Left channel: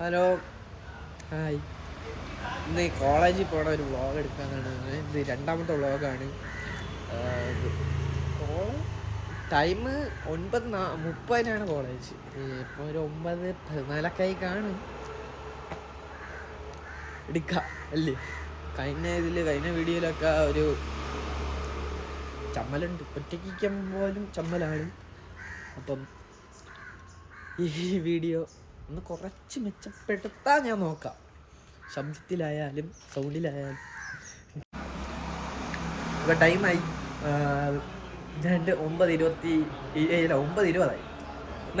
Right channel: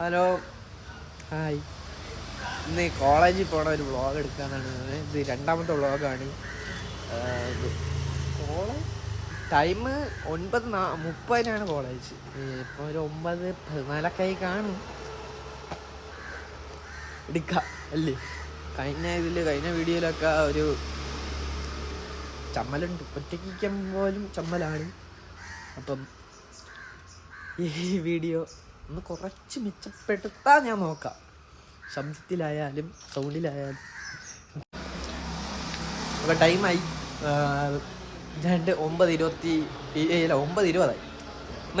Hello, hi. ഇന്ന് കോളേജിൽ പോണ ഒരു വ്ളോഗ് എടുക്കാനാണ്. ഇത് രണ്ടാമത്തെ വ്ളോഗാണ്. College time 9:30 college. ഇപ്പോൾ ഒരു 9:14 കാണും. എടുക്കാം അല്ലേ? കഴിഞ്ഞ വീഡിയോയിലൊക്കെ ഒരു ചമ്മലുണ്ട്, ഒറ്റയ്ക്കാൻ പോലും ചമ്മലാണ്. അപ്പം ഈ വീഡിയോ ഒന്ന് കുറച്ച് മെച്ചപ്പെടുത്താൻ ഞാൻ നോക്കാം, ശബ്ദത്തിലായാലും സൗണ്ടിലായാലും. അപ്പോൾ ടൈമായി 9:20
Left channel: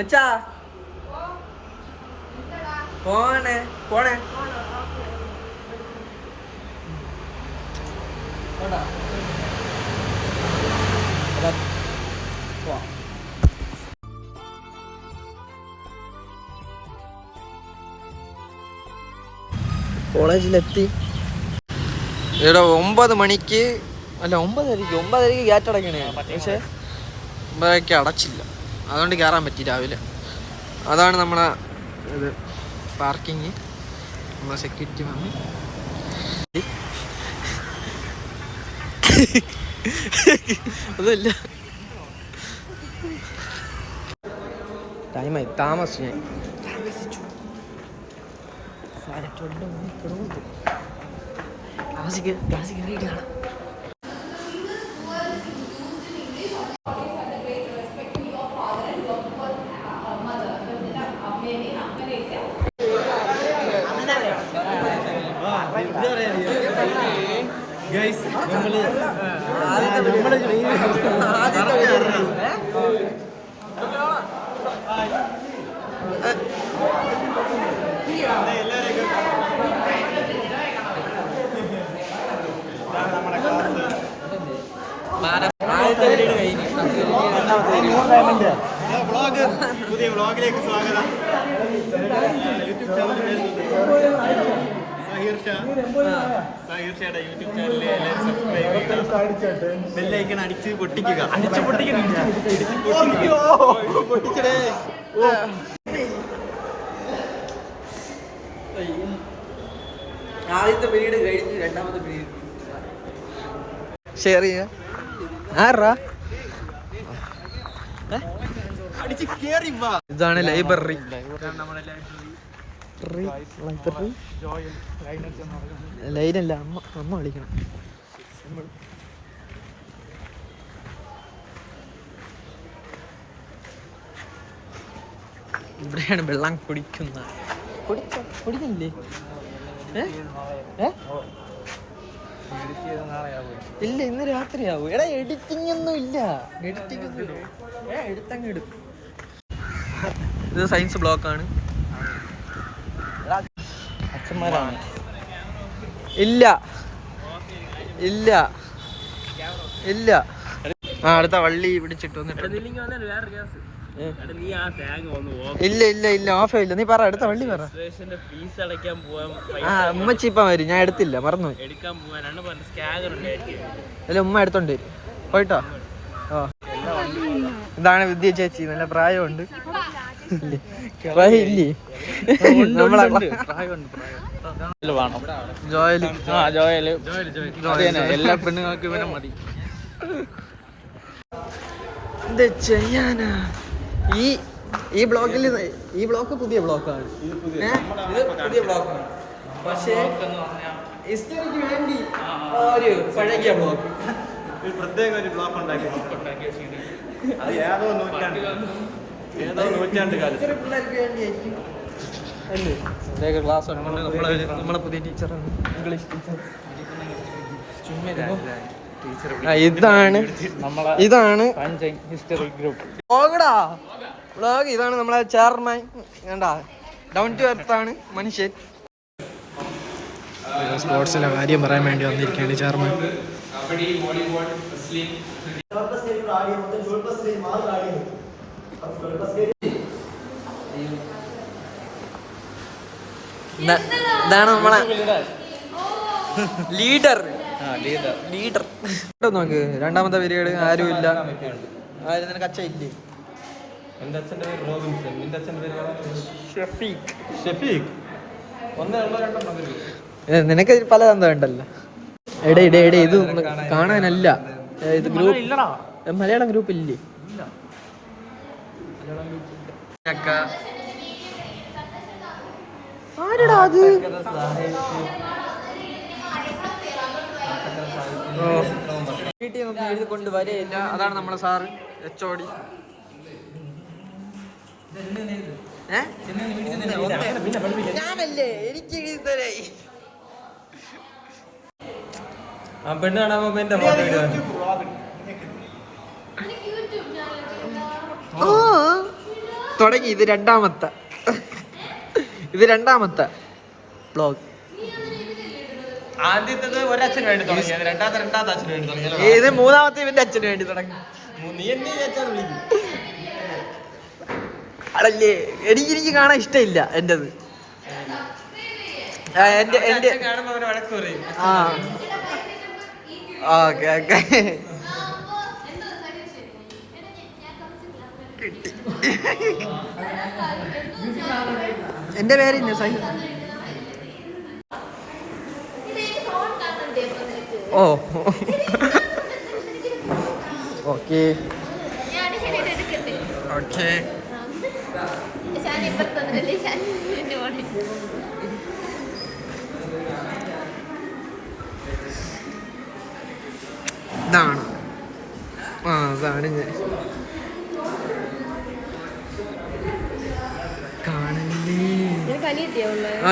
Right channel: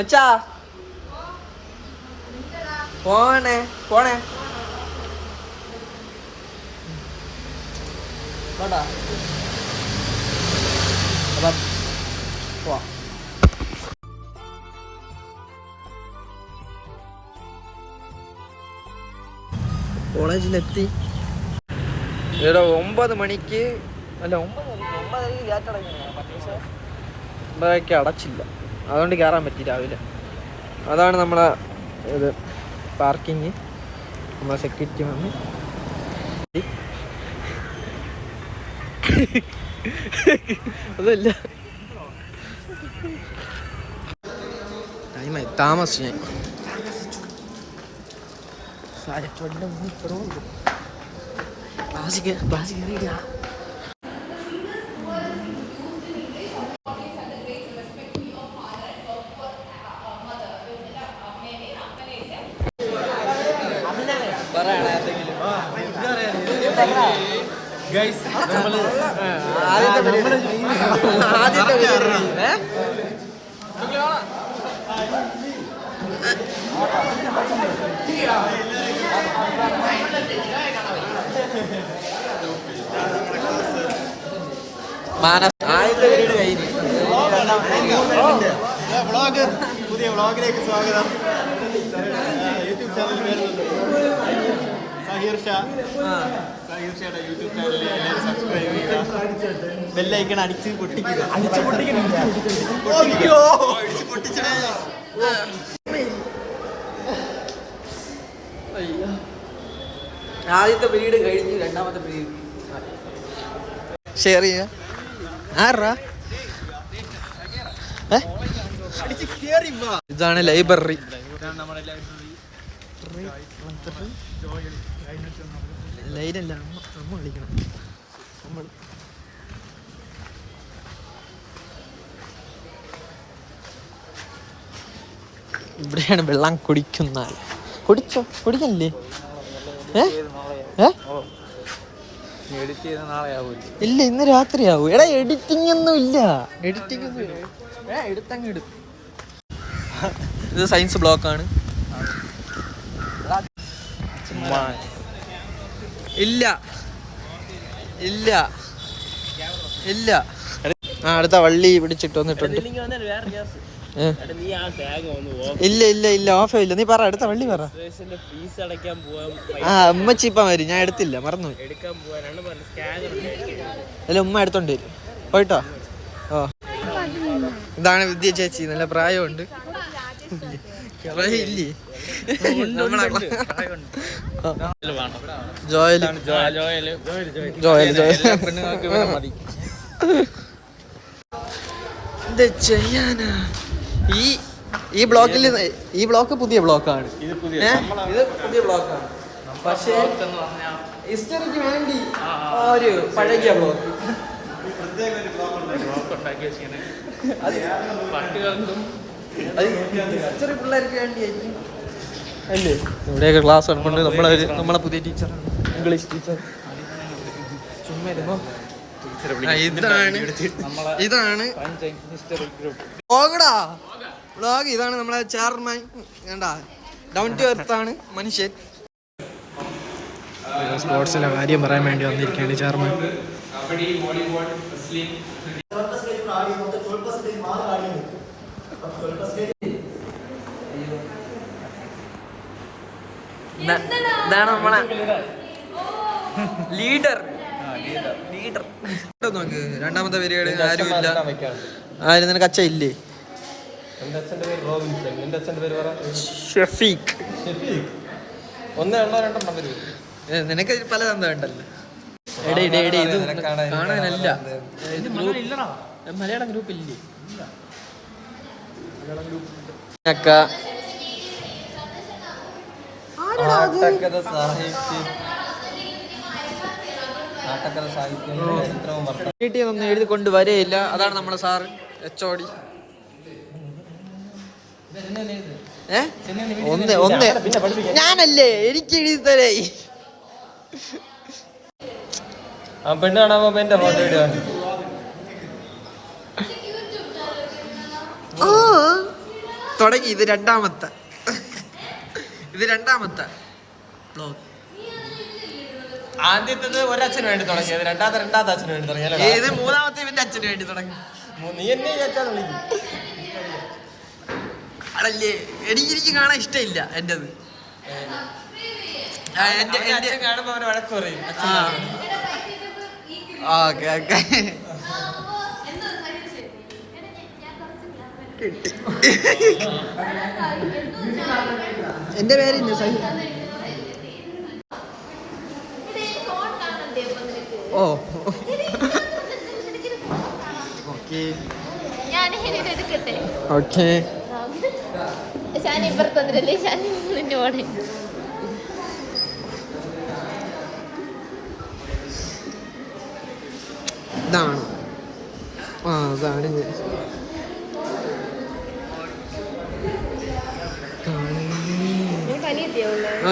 മച്ചാ. പോണേ വേണ്ട. അപ്പം പോവാം. കോളേജിലെത്തി. ഇവിടെ 9 മണിക്ക് അല്ല 9:30 ഗേറ്റ് അടയ്ക്കണേ. പക്ഷേ 9:30 അടച്ചില്ല, അതുകൊണ്ട് കയറാൻ പറ്റി രാവിലെ. അതാണ് നമ്മളെ ഇത് പാർക്കിങ്. നമ്മളെ സെക്യൂരിറ്റി മമ്മി അതല്ല, ടൈമായി, താമസിച്ചു ഞാൻ. ക്ലാസ് കയറിയിട്ടാണ്. പുതിയ വ്ളോഗിലേക്ക് സ്വാഗതം. യൂട്യൂബ് ചാനൽ സഹീർഷയുടെ യൂട്യൂബ് ചാനലിൽ എല്ലാവരും സബ്സ്ക്രൈബ് ചെയ്യുക, ബെല്ലൈക്കൺ അടിച്ച് പൊട്ടിക്കുക. ആദ്യത്തെ പീരീഡ് കഴിഞ്ഞ് രണ്ടാമത്തെ പീരീഡ് ഷെയർ ചെയ്യുക. ഇതാണ് ലൈബ്രറി. ലൈനല്ല, അമ്മ വിളിക്കണം. ഇവിടെയാണ് വെള്ളം കുടിക്കുന്ന. കുടിക്കല്ലേ? ഇല്ല, ഇന്ന് രാത്രിയാവൂ. എടാ എഡിറ്റിംഗ് ഒന്നും ഇല്ല. ഇത് സയൻസ് ബ്ലോക്കാണ്. ഇല്ല ഇല്ല ഇല്ല. അടുത്ത വള്ളി പിടിച്ചിട്ട് വന്നിട്ടുണ്ട്. ഇല്ല ഇല്ല ഇല്ല, ഓഫ് ഇല്ല. നീ പറ, അടുത്ത വള്ളി പറ. ഉമ്മച്ചി ഇപ്പം വരും, ഞാൻ എടുത്തില്ല, മറന്നു. അല്ല, ഉമ്മ എടുത്തോണ്ട് വരും. പോയിട്ടോ. ഓ, ഇതാണ് വിദ്യ ചേച്ചി. നല്ല പ്രായമുണ്ട്. പ്രായം ഇല്ലേ? എന്ത് ചെയ്യാനാ? ഈ ബ്ലോക്ക് പുതിയ ബ്ലോക്കാണ്. ഇത് പുതിയ ബ്ലോക്കാണ്. പക്ഷേ ഹിസ്റ്ററിക്ക് വേണ്ടി ഒരു പഴകിയ ബ്ലോക്ക്. ഇവിടെയൊക്കെ ക്ലാസ് ഉണ്ട്. നമ്മളെ പുതിയ ടീച്ചറാണ്, ഇംഗ്ലീഷ് ടീച്ചർ. ഇതാണ് വ്ളോഗ്. ഇതാണ് നമ്മളെ ചെയർമാൻ. കണ്ടാ, ഡൗൺ ടു എർത്ത് ആണ് മനുഷ്യൻ. സ്പോർട്സിലെ കാര്യം പറയാൻ വേണ്ടി വന്നിരിക്കുകയാണ് ചെയർമാൻ. ഇതാണ് നമ്മളെ ലീഡർ. നോക്ക്, രണ്ടാമത്തെ പീരീഡ് ആരും ഇല്ല. ആരും നിനക്ക് അച്ഛൻ ഇല്ലേ? എൻ്റെ അച്ഛൻ്റെ പേര് റോബിൻസൺ. നിന്റെ അച്ഛൻ്റെ പേര് പറ. ഷഫീഖ്. നിനക്ക് പല തന്തം ഉണ്ടല്ലോ. എടേ ഇത് കാണാനല്ല, ഇത് ഗ്രൂപ്പ് മലയാളം ഗ്രൂപ്പ് ഇല്ലേ? ആരടാ അത്? വീട്ടിൽ ഒന്നും എഴുതി കൊണ്ട് വരെയില്ല. അതാണ് നമ്മളെ സാറ് HOD. ഞാനല്ലേ, എനിക്ക് എഴുതി തരേ. ആ പെണ്ണ് കാണാൻ പോകുമ്പോ എന്റെ ഫോട്ടോ ഇടുവാണ്. തുടങ്ങി. ഇത് രണ്ടാമത്തെ ബ്ലോഗ്. ആദ്യത്തേത് ഒരച്ഛന് വേണ്ടി തുടങ്ങിയത്, രണ്ടാമത്തെ അച്ഛന് വേണ്ടി തുടങ്ങിയത്. ഇത് മൂന്നാമത്തെ ഇവന്റെ അച്ഛന് വേണ്ടി തുടങ്ങി. നീ എന്നെ അച്ഛാന്ന് വിളിക്കും. അതല്ലേ, എനിക്ക് കാണാൻ ഇഷ്ടമില്ല എന്റേത്. എന്റെ കാണുമ്പോ അവനെ വഴക്ക് പറയും. ഓക്കെ കിട്ടി. എന്റെ പേര് സൈ. ഓ ഓക്കെ ഓക്കെ. ഇതാണ് അതാണ് ഞാൻ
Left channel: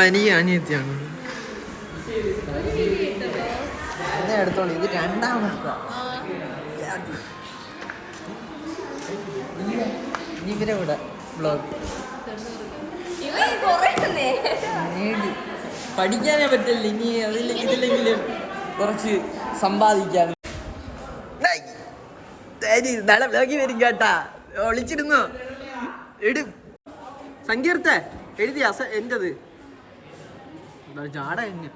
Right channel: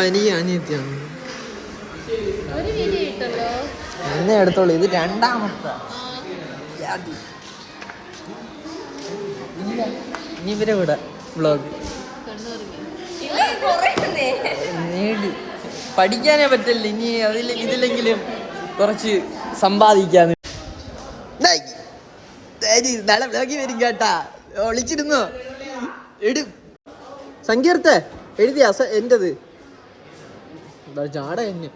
എനിക്ക് അനിയത്തിയാണ്. എന്നെ എടുത്തോളൂ. ഇത് രണ്ടാമത്തെ. ഇനി ഇവരെ കൂടെ വ്ളോഗ് പഠിക്കാനേ പറ്റില്ല. ഇനി ഇതിലെങ്കിലും കുറച്ച് സമ്പാദിക്കാന്ന്. നാളെ വ്ളോഗിൽ വരും കേട്ടാ. ഒളിച്ചിരുന്നോ? സങ്കീർത്ത എഴുതിയ എന്റത് ചാട എന്നെ.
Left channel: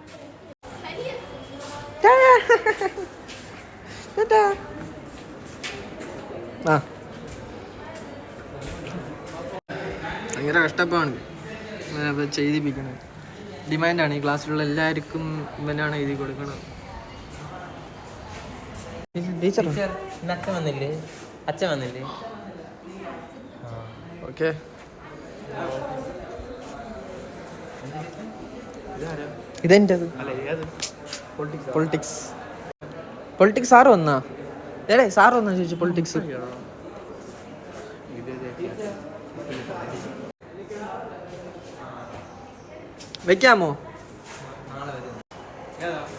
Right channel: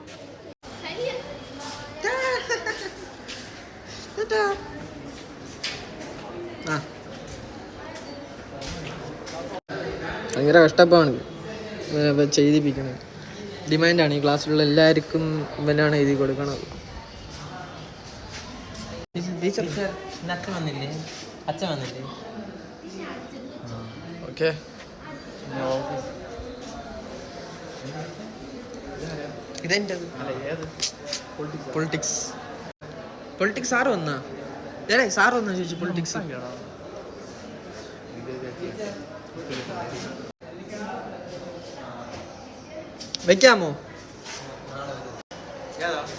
ഭയങ്കര കഷ്ടപ്പാണ് ചെയ്തിപ്പിക്കണത്. ഡിമാൻഡാണ്. ഈ ക്ലാസ്സിലുള്ള എല്ലാവർക്കും ഇവനാണ് എഴുതി കൊടുക്കണം. ടീച്ചർ അച്ഛൻ വന്നില്ലേ? ഓക്കെ. ഇതെന്റത് പൊളിറ്റിക്സ് സാറ് വന്നാ? ഏടേ സാറ് വന്നാ ചോദിച്ചു. പൊളിറ്റിക്സ് വെക്കാമോ?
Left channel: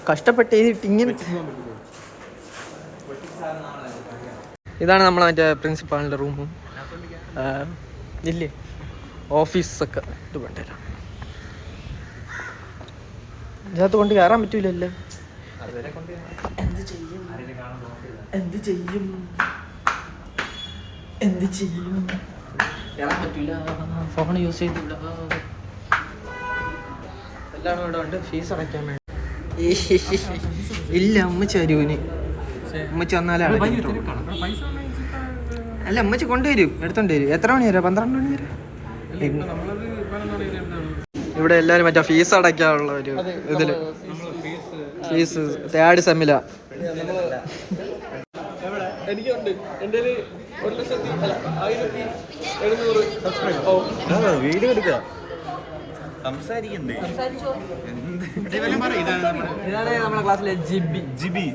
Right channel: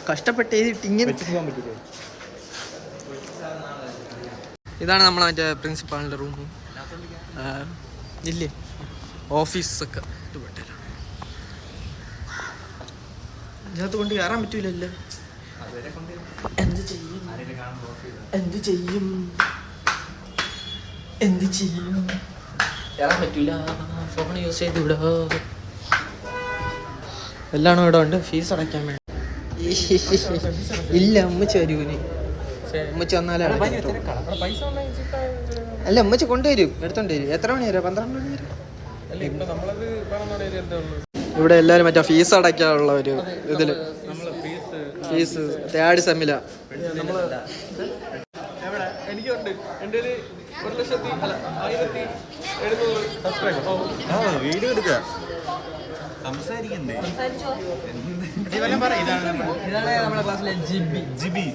കഷ്ടപ്പെട്ട് എഴുതിട്ട് ഇങ്ങനെ. ഇതാണ് നമ്മളെ മറ്റേ പ്രിൻസിപ്പാളിൻ്റെ റൂമും ഇല്ലേ ഓഫീസൊക്കെ. ഇത് വേണ്ടല്ലോ, ഇതിനകത്ത് കൊണ്ട് കയറാൻ പറ്റൂലല്ലോ. എന്ത് ചെയ്യും കയറാൻ പറ്റൂല. ഫോൺ യൂസ് ചെയ്ത് ഇവിടെ എല്ലാം ഇവിടെ ഉണ്ട്. ഫീസ് അടയ്ക്കാൻ വേണ്ടി ഇല്ല. ഉമ്മച്ചി വരൂന്. ഉമ്മച്ചി വന്നാലേ അടയ്ക്കത്തുള്ളൂ. അല്ല, ഉമ്മച്ചി കൊണ്ടുവരും, എടുത്തോണ്ട് വരും. എത്ര മണി വരെ? 12 മണി വരെ. ഇവിടെ എല്ലാരും മറ്റേ ഫീസ് അടയ്ക്കാനുള്ള ഒരു ഇതില്. ഫീസ് തേർഡ് സെമ്മില. എനിക്കുണ്ട്. എൻ്റെ 1,1700 വീഡിയോ എടുക്കുക. സംസാരിക്കണ്ടേ? ഇതാണ് നമ്മുടെ ക്ലാസ്സിലെ ജിബി.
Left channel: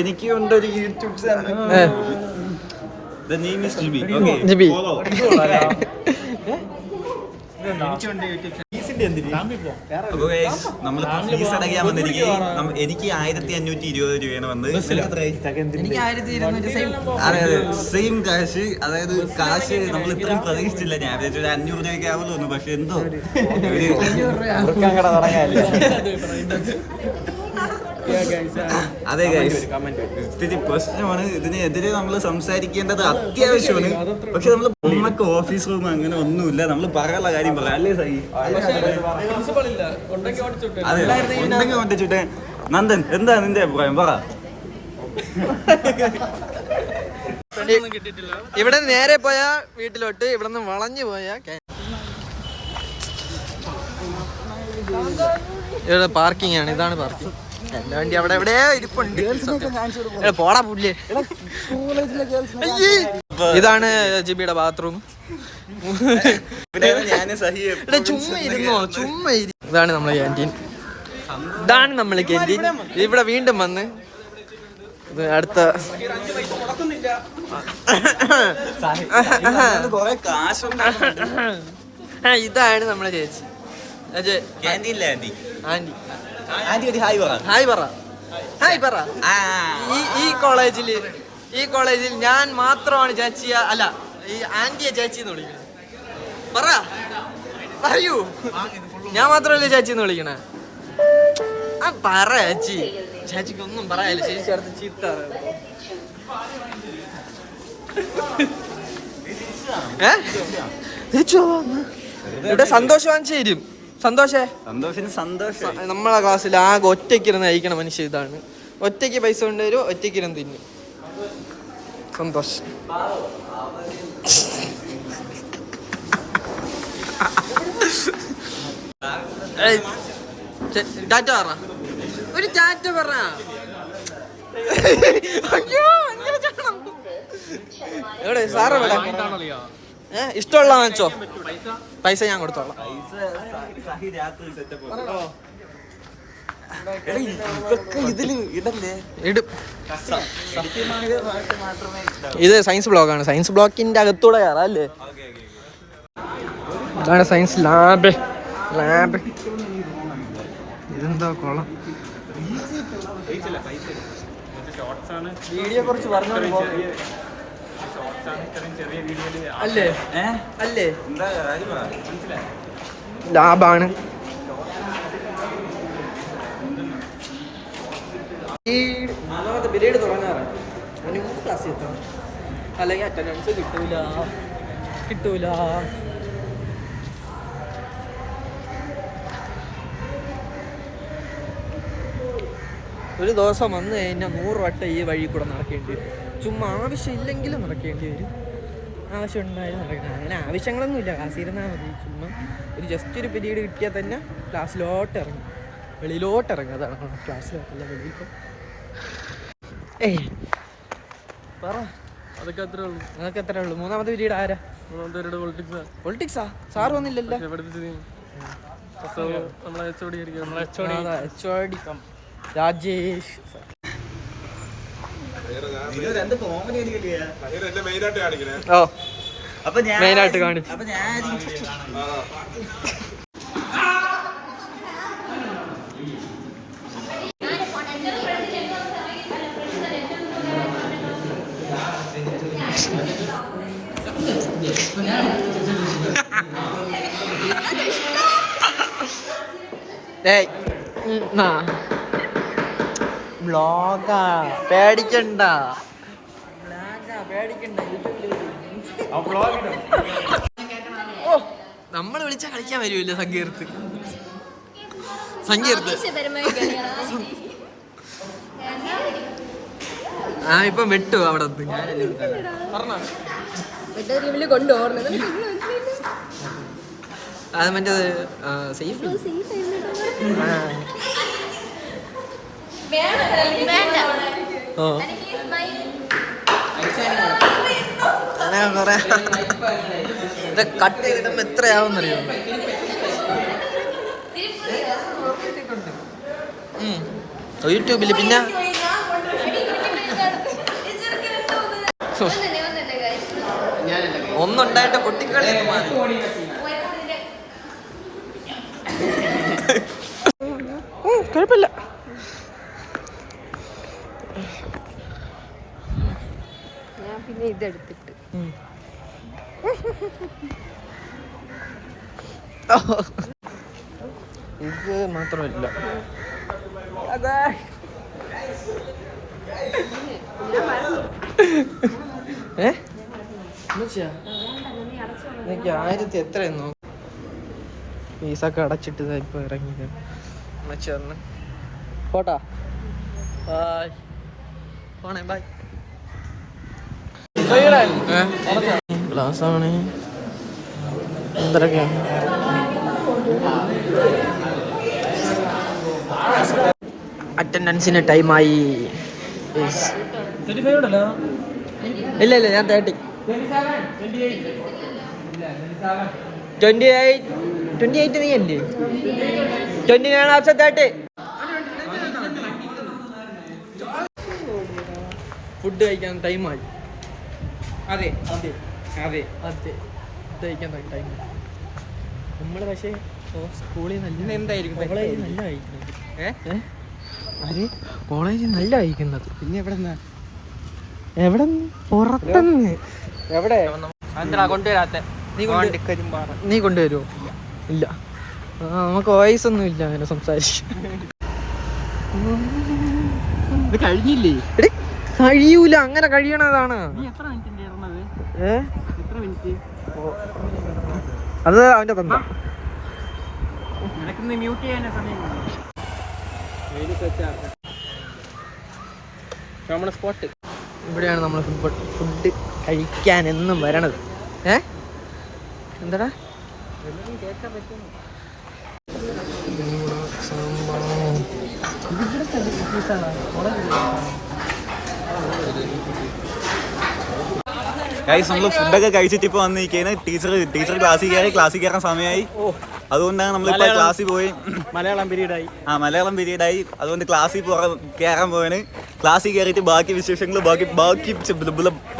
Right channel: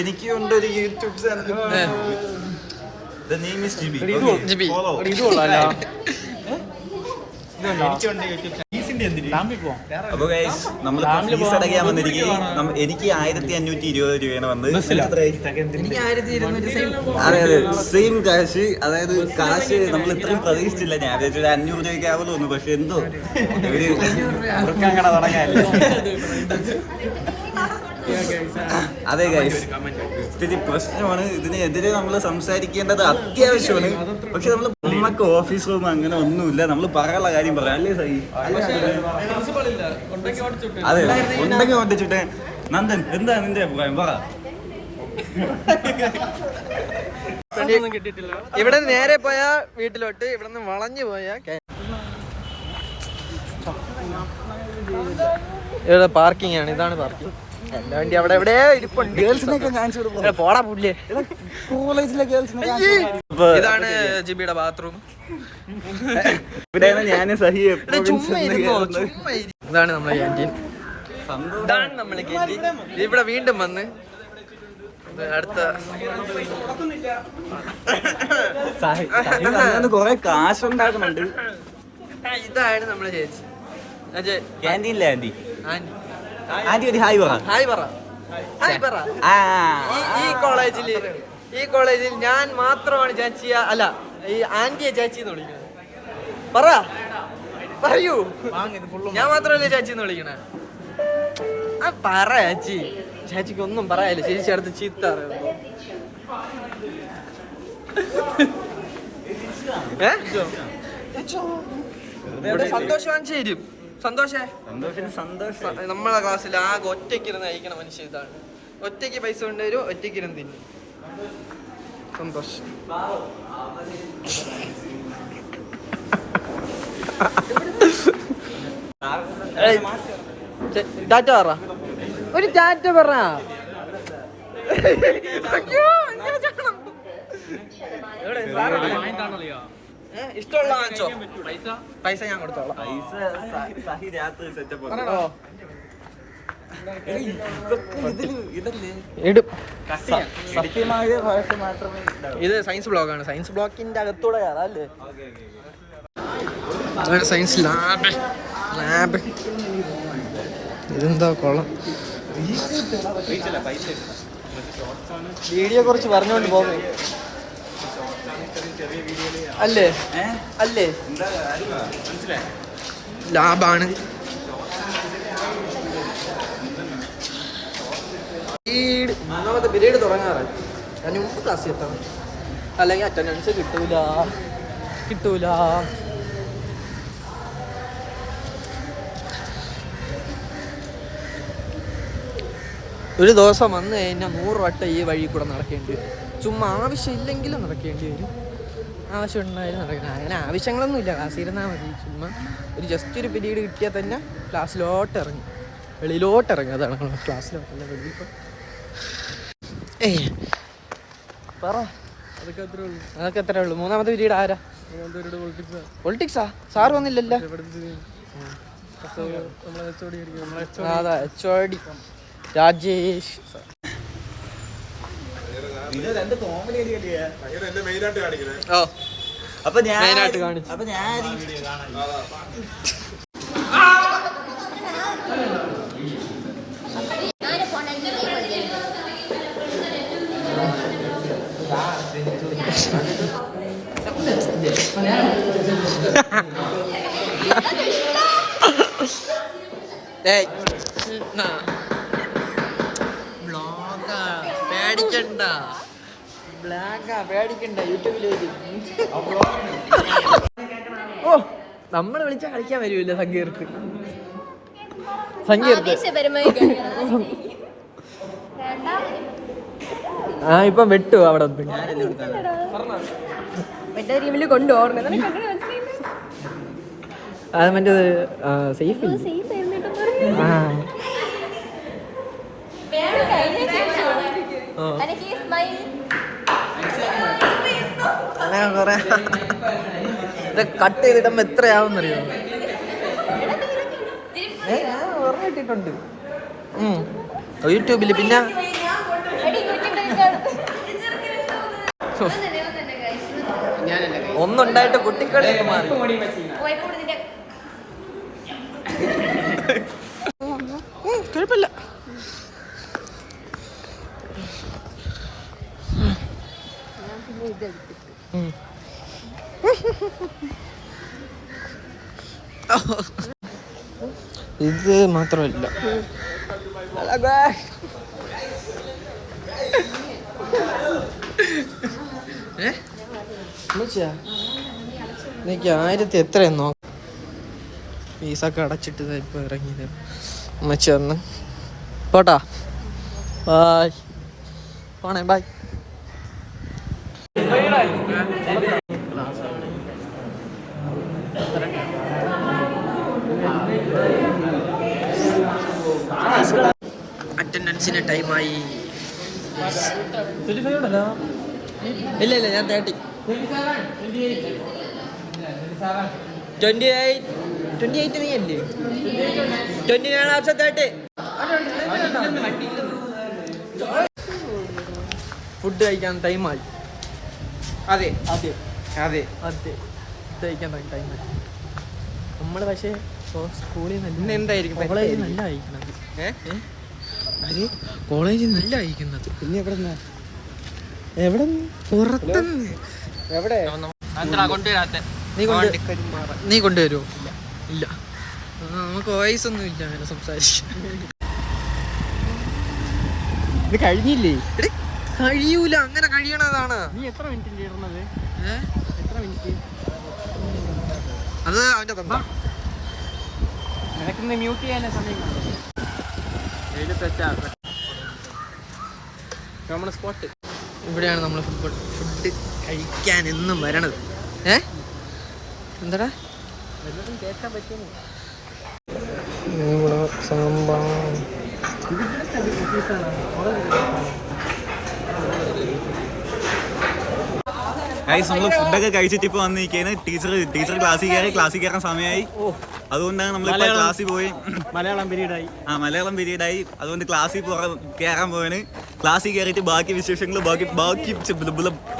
എനിക്കുണ്ട് ഒരു YouTube channel. The name is Jibi. Okay. Follow. അപ്പൊ ഗൈസ്, നമ്മളിപ്പോ ഫീസ് അടയ്ക്കാൻ വന്നിരിക്കും. എനിക്ക് 1520 രൂപയാണ് വന്നത്. അതെ, സെയിം കാശ്. അതായത് കാശ് നമ്മൾ ഇത്രയും പ്രതീക്ഷിച്ചില്ല. ഞാൻ വിചാരിച്ചു 500 രൂപയ്ക്ക് ആവുമെന്ന് തോന്നുന്നു. പക്ഷെ എന്തോ ഒരു കട തുടങ്ങാല്ലേ. അതെ ഗൈസ്, ഇത്തിരി പ്രശ്നമാണ്. ഇതിനെതിരെ നമ്മൾ സംസാരിക്കേണ്ടത് അത്യാവശ്യമാണ്. പക്ഷെ നമ്മൾ നമുക്ക് ഓഫീസ് റൂം അങ്ങനെ ഒന്നുമില്ല. നമ്മൾ പറയാനുള്ള കാര്യം പറയാം അല്ലേ സൈ? അതെ, ഉണ്ടെങ്കിൽ ഓട്ടിച്ചിട്ട്. നന്ദൻ, എന്താ നിന്റെ അഭിപ്രായം? പറ. ഇവിടെ നേരെ പോയാ വീട്ടിലോട്ട്, ഇവിടെ നിന്ന് വളഞ്ഞു പോയാ ഇവിടെ പാർക്കിംഗ് ആണ്. ഇതാണ് പാർക്കിംഗ്. എന്റെ വണ്ടി അവിടെ എവിടെയോ ഇരിപ്പുണ്ട്. പോടാ പുല്ലേ. ഇതാണ് ജിബിയുടെ ബാത്റൂം. ചുമ്മാ ഇരുന്നോ, ചുമ്മാ ഇരി. ഇതാണ് നമ്മളെ ക്യാൻറ്റീൻ. ഇതാണ് നമ്മളെ ക്യാൻറ്റീൻ. ഇവിടെ വീണ്ടും വന്ന് അടുത്ത ഇതാണ് നമ്മളെ ചേച്ചി. ഹായ് പറ, ഹായ് പറ. ഈ കോളേജിൽ ഞാൻ മാത്രമാണ് ചേച്ചിയ, അല്ല ഈ ആന്റിയെ ചേച്ചി എന്ന് വിളിക്കണേ. പറയൂ, ഞാൻ മാത്രമല്ലേ ചേച്ചി എന്ന് വിളിക്കണേ? പറ ചേച്ചി. ചേച്ചിക്ക് ഒന്നും പറയാല്ല. ചേച്ചി അടുത്ത് ചീത്ത അറിയുമ്പോ ഇവിടെ സന്തോഷം വാങ്ങിച്ചു തരും. സന്തോഷേ, നമ്മളെ ക്ലാസ്സിൽ ആകെ ഒറ്റയ്ക്കിരുന്ന് കഴിക്കണ മനുഷ്യ ഇതാണ്. ഒറ്റയ്ക്ക് പൈസ കൊണ്ടുവരും, ഒറ്റയ്ക്കിരുന്ന് തിന്നും. സന്തോഷം. ടാറ്റ പറ, ഒരു ടാറ്റ പറ. എവിടെ സാറ് ഇഷ്ടമുള്ള വാങ്ങിച്ചോ, പൈസ ഞാൻ കൊടുത്തോളാം. ഇടും. ഇത് സയൻസ് ബ്ലോക്കാണ്. സയൻസ് ബ്ലോക്കിന്റെ അകത്തൂടെ കയറാം അല്ലേ? അതാണ് സയൻസ് ലാബ്. ഇതെന്താ കൊള്ളാം. വീഡിയോ കുറിച്ച് പറഞ്ഞോണ്ട് പോകും അല്ലേ? അല്ലേ, ലാബാണ്. മൂന്നാമത്തെ പീരീഡ് തുടങ്ങാറായി. അതിന് മുമ്പ് ക്ലാസ്സിൽ എത്തണം, അല്ലെങ്കിൽ അറ്റൻഡൻസ് കിട്ടൂല. ഒരു ദിവസം വന്നു കഴിഞ്ഞാൽ 100 വട്ടം ഈ വഴി കൂടെ നടക്കേണ്ടി വരും. ചുമ്മാ ആവശ്യമില്ലെങ്കിലും നടക്കേണ്ടി വരും. ആവശ്യം ഉണ്ടായാലും നടക്കണം. അങ്ങനെ ആവശ്യങ്ങളൊന്നും ഇല്ല, ക്ലാസ്സിൽ ഇരുന്നാൽ മതി. ചുമ്മാ ഒരു ജസ്റ്റ് ഒരു പീരീഡ് കിട്ടിയാൽ തന്നെ ക്ലാസ്സിലോട്ട് ഇറങ്ങും, വെളിയിലോട്ട് ഇറങ്ങും. അതാണ് ക്ലാസ്സിലോട്ടല്ല, വെളിയിലോട്ട്. പറ. അതൊക്കെ അത്രേ ഉള്ളൂ. മൂന്നാമത്തെ പീരീഡ് ആരാ? പൊളിറ്റിക്സാ? സാറ് വന്നില്ലല്ലോ. അതാ HOD രാജേഷ്. മെയിനായിട്ട് കാണിച്ചു. ബ്ലോഗാ, പേടിക്കണ്ട. യൂട്യൂബിൽ നമ്മൾ വിളിച്ചാ കളിക്കാൻ വരുമല്ലോ. സങ്കീർത്ത് ഇപ്പം വെട്ടു അവിടെ. അത് മറ്റേത് സേഫ്. അങ്ങനെ കൊറേ ഇത് കട്ട് ചെയ്തിട്ട് എത്രയാവുന്നറിയോ? യൂട്യൂബില്. പിന്നെ ഒന്നുണ്ടായിട്ട് കുട്ടിക്കളി മാറി. കുഴപ്പമില്ല. ഇത് മാത്രമല്ല, എനിക്ക് 1000 എത്രയെന്നോ ഫീസൊക്കെ അടച്ചിട്ട് ഇപ്പൊ ഇറങ്ങിയത്. അമ്മച്ചി വന്ന് പോട്ടാ. ബായ്. പോണേ ബൈ. ക്ലാസ്സാണ് എത്രയൊക്കെയാണ് അറ്റൻഡൻസിന് ടൈമായി. ഇല്ല ഇല്ല ഞാൻ 30. 28 നീ അല്ലേ 29 ഓപ്ഷൻ 30. ഫുഡ് കഴിക്കാൻ ടൈമായി. അതെ അതെ അതെ അതെ ഫുഡ് കഴിക്കാൻ ടൈമായി. നമ്മൾ പക്ഷേ സ്കൂളിൽ നല്ല എന്തായിരിക്കും കോളേജിൽ നല്ല കഴിക്കുന്നത്. അത് കോളേജിൽ നല്ല കഴിക്കുന്നത്. പിന്നെ എവിടെ പുറത്തുനിന്ന് എവിടെ നീ കൊണ്ടുവരുമോ? ഇല്ല നമുക്ക് വോയിസ് ഒന്നും ഇല്ല അങ്ങനെ സംസാരിച്ച്. ഇത് കഴിഞ്ഞില്ലേ? കഴിയൂല, അങ്ങനെ കഴിയണതാണ്. എത്ര മിനിറ്റ് എത്ര മിനിറ്റ് അത് അവന്റെ തന്ന നിനക്കിന്ന് മ്യൂട്ട് ചെയ്യാൻ സമയം നമ്മുടെ സ്പോട്ട് ഇവിടെയാണ് നമ്മൾ ഫുഡ് കഴിക്കാൻ എന്നും വരണത്. എന്താടാ വല്ലതും കേൾക്കാൻ പറ്റുന്നു. സാമ്പാർ ഗൈസ് നമ്മൾ ഫുഡൊക്കെ കഴിച്ചിട്ട് ഇപ്പോൾ വന്നിരിക്കുകയാണ്. ടീച്ചർ ക്ലാസ്സിൽ കയറാൻ സമയമായി. അതുകൊണ്ടാണ് നമ്മളിപ്പോൾ ക്ലാസ്സിൽ പോയി. മലയാളം പീരീഡായി. അതുകൊണ്ട് ക്ലാസ്സിൽ കയറാൻ പോവാണ്. ക്ലാസ്സിൽ കയറിയിട്ട് ബാക്കി വിശേഷങ്ങൾ ബാക്കി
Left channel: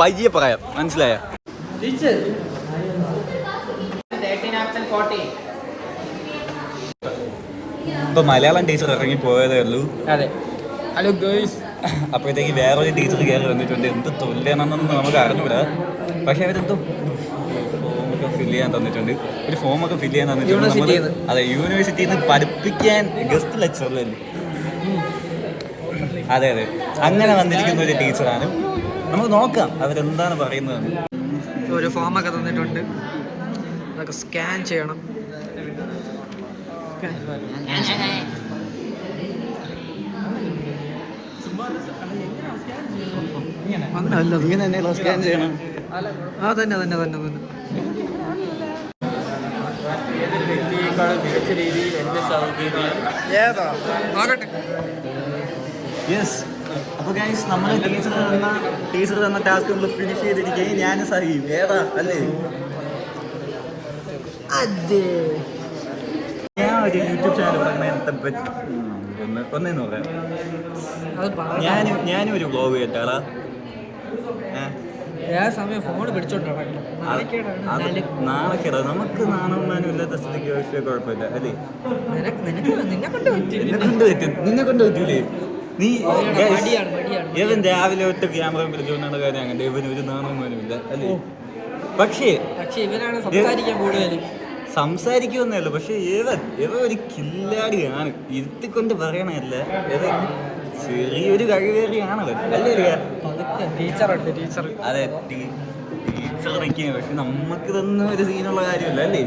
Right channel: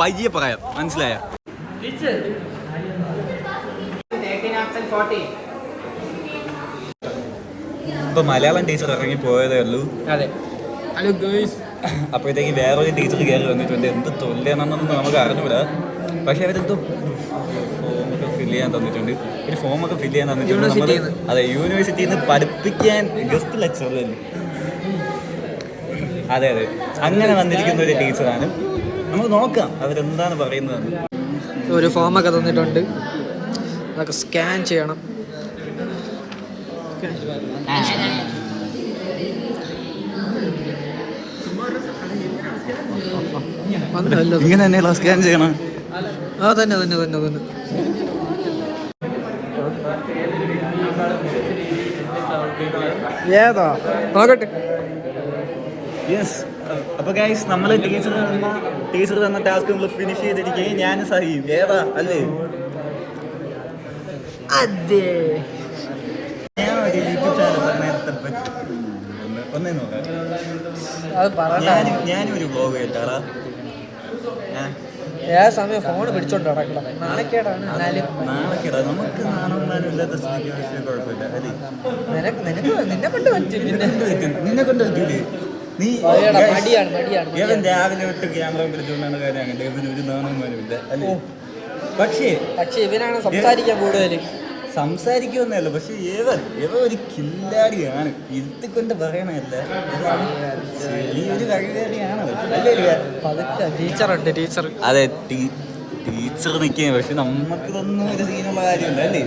പയ്യെ പറയാം. മനസ്സിലായോ? ഇപ്പൊ മലയാളം ടീച്ചർ ഇറങ്ങി പോയതേ ഉള്ളൂ. അതെ. Hello girls. അപ്പോഴത്തേക്ക് വേറൊരു ടീച്ചർ കയറി വന്നിട്ടുണ്ട്. എന്ത് തൊല്ലിയാണെന്നൊന്നും നമുക്ക് അറിഞ്ഞൂടാ. പക്ഷെ അവരെന്തോ ഫോമൊക്കെ ഫില്ല് ചെയ്യാൻ തന്നിട്ടുണ്ട്. അതെ, യൂണിവേഴ്സിറ്റിയിൽ നിന്ന് പഠിപ്പിക്കാൻ ഗസ്റ്റ് ലെക്ചറിലല്ലേ. അതെ അങ്ങനെ വന്നിരിക്കുന്ന ഒരു ടീച്ചറാണ്. നമുക്ക് നോക്കാം അവരെന്താണ് പറയുന്നത്. ഒരു ഫോമൊക്കെ തന്നിട്ടുണ്ട്, അതൊക്കെ സ്കാൻ ചെയ്യണം. ഇങ്ങനെ തന്നെയല്ലോ സ്കാൻ ചെയ്യണം. തന്നെ ഏതാ നോക്കട്ടെ. യെസ്. അപ്പൊ ഗൈസ് നമ്മൾ ടീച്ചർ തന്ന ടാസ്ക് നമ്മൾ ഫിനിഷ് ചെയ്തിരിക്കുകയും ഞാൻ സഹിയും. ഏതാ അല്ലേ? അതെ, ഞാൻ ഒരു യൂട്യൂബ് ചാനൽ ഒന്നേന്ന് പറയാം. ഞാനും ഒരു വ്ളോഗ് കേട്ടാളാ. സമയം ഫോൺ പിടിച്ചോണ്ട് നടക്കണം. നാളെക്കേടാ നമുക്ക് നാണവന്മാനും ഇല്ലാത്ത സ്ഥിതിക്ക് പക്ഷേ കുഴപ്പമില്ല അല്ലേ? നിന്നെ കൊണ്ട് പറ്റൂലേ? നീ ഇവൻ രാവിലെ തൊട്ട് ക്യാമറ പിടിച്ചുകൊണ്ടാണ് കാര്യം. അങ്ങനെ ഇവന് ഒരു നാണവന്മാനും ഇല്ല അല്ലേ? പക്ഷേ ഇവനാണ് സംസാരിക്കാൻ കൂടുതൽ. സംസാരിക്കുമെന്നല്ലോ, പക്ഷെ ഇവ ഒരു കില്ലാടിയാണ്. ഇരുത്തിക്കൊണ്ട് പറയണല്ല, ചെറിയൊരു കഴിവേറിയാണല്ലോ അല്ലേ? അതെ, ടീച്ചർ നിൽക്കുക. പക്ഷെ നമുക്ക് ഇതൊന്നും ഒരു സീനുള്ള കാര്യമല്ല അല്ലേ?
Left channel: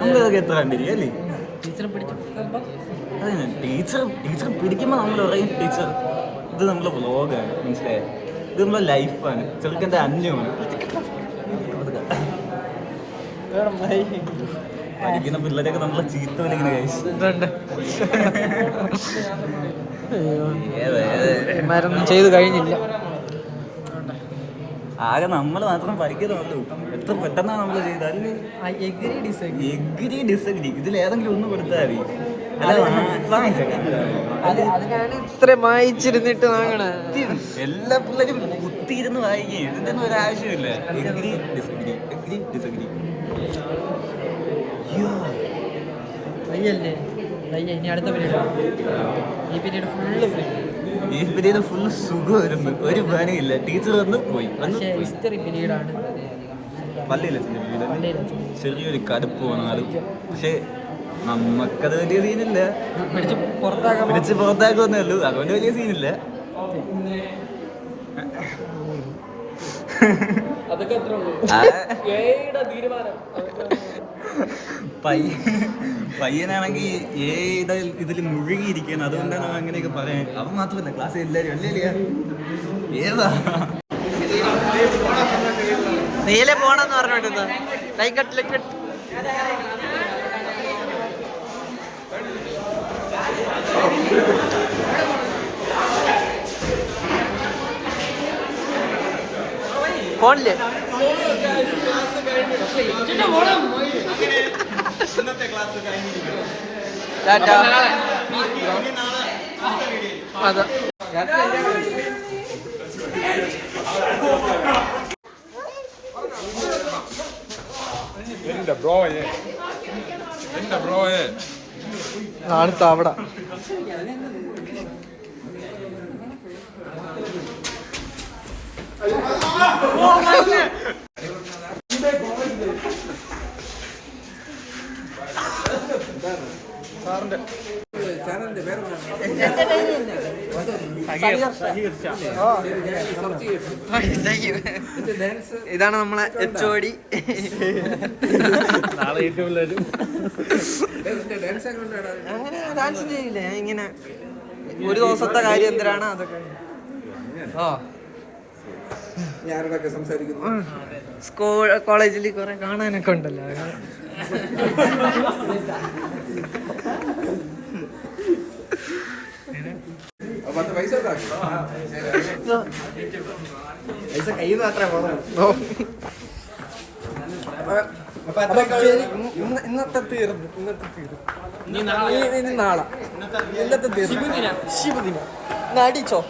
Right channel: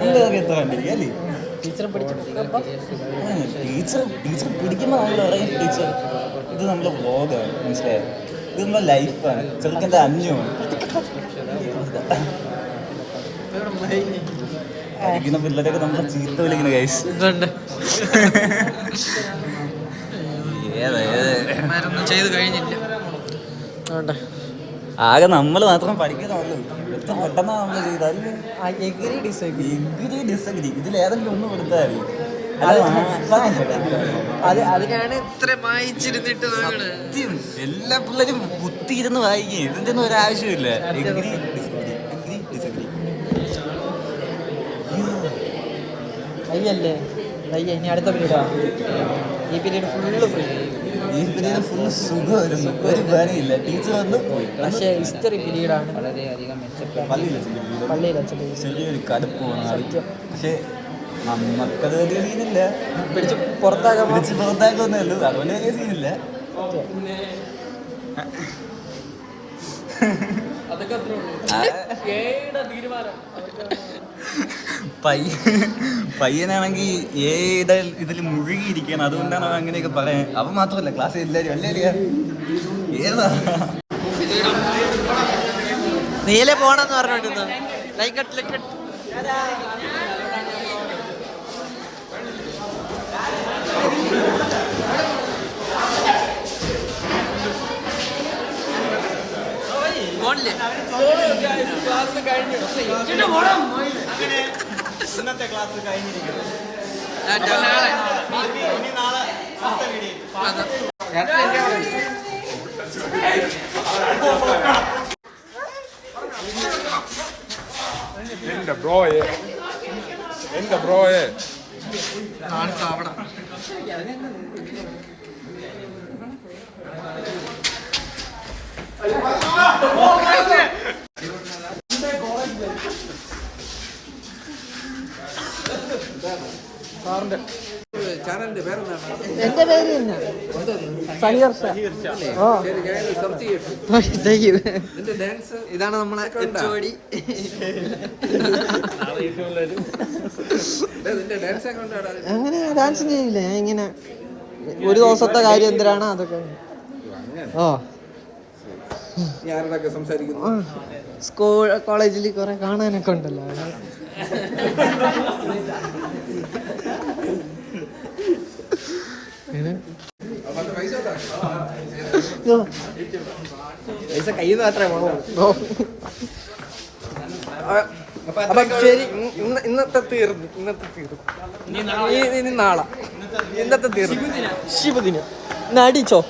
നമ്മളതൊക്കെ എത്ര കണ്ടിരിക്കും അല്ലേ? ടീച്ചർ പിടിക്കുമ്പോൾ നമ്മൾ പറയും ടീച്ചർ ഇത് നമ്മളെ വ്ളോഗാണ്, മനസ്സിലായോ? ഇത് നമ്മളെ ലൈഫാണ്. ചെറുക്കൻ്റെ അന്യമാണ്. പഠിക്കുന്ന പിള്ളേരൊക്കെ നമ്മളെ ചീത്ത വിളിക്കുന്ന കേസ്. മരുന്നും ചെയ്ത് കഴിഞ്ഞില്ല. ആകെ നമ്മൾ മാത്രം പഠിക്കുന്നുള്ളൂ. എത്ര പെട്ടെന്നാണ് നമ്മൾ ചെയ്താലും എഗ്രി ഡിസഗ്രി ഇതിലേതെങ്കിലും ഒന്ന് കൊടുത്താൽ മതി. അതിനാണ് ഇത്ര വായിച്ചിരുന്നിട്ട് എല്ലാ പിള്ളേരും കുത്തിയിരുന്ന് വായിക്കും. ഇതിന്റെ ഒന്നും ഒരാവശ്യമില്ല. Agree disagree വയ്യല്ലേ? വയ്യ. ഇനി അടുത്ത പീരീഡാണ്. ഈ പീരീഡ് ഫുള്ള് സുഖമായിരുന്നു. ഒരു പണിയില്ല. ടീച്ചർ വന്ന് പോയി. പക്ഷേ ഹിസ്റ്ററി പീരീഡാണ്. ചെറിയൊരു കടുപ്പ് വന്നാൽ പക്ഷെ നമുക്കത് വലിയ സീനില്ല. പിടിച്ച് പുറത്താക്കുമെന്നേ ഉള്ളൂ. അതുകൊണ്ട് വലിയ സീനില്ല. അതൊക്കെ അത്ര ഉള്ളൂ. ഏയുടെ തീരുമാനം പയ്യനാണെങ്കിൽ ഏത് ഇതിൽ മുഴുകിയിരിക്കണം, അതുകൊണ്ടാണ് അവൻ അങ്ങനെയൊക്കെ പറയാൻ. അവൻ മാത്രമല്ല ക്ലാസ്സിൽ എല്ലാവരും അല്ലേ ഏതാ നീലെ പോണെന്ന് പറഞ്ഞോണ്ടിരുന്ന ലൈക്കട്ട് ഫോണില്ലേ അതെ. അടുത്ത അവിടെ ചാനലിന്റെ പേരെന്താണ്? എന്റെ പേര് ഇതാണ് നമ്മളെ എച്ചോടി. അങ്ങനെ ഡാൻസ് ചെയ്യില്ലേ ഇങ്ങനെ ഒരു ദിവസത്തെ കാര്യം എന്തിനാണ് അതൊക്കെ. ഞാനതൊക്കെ സംസാരിക്കുന്നു. സ്കൂൾ കോളേജിൽ കുറെ കാണാനൊക്കെ ഉണ്ടല്ലോ. പൈസ കയ്യിൽ നിന്ന് മാത്രമേ ശരി, ഇന്നത്തെ തീർന്നു. ഇനി നാളെ ഇന്നത്തെ തീർന്നു. ശിവദിനം അടിച്ചോ.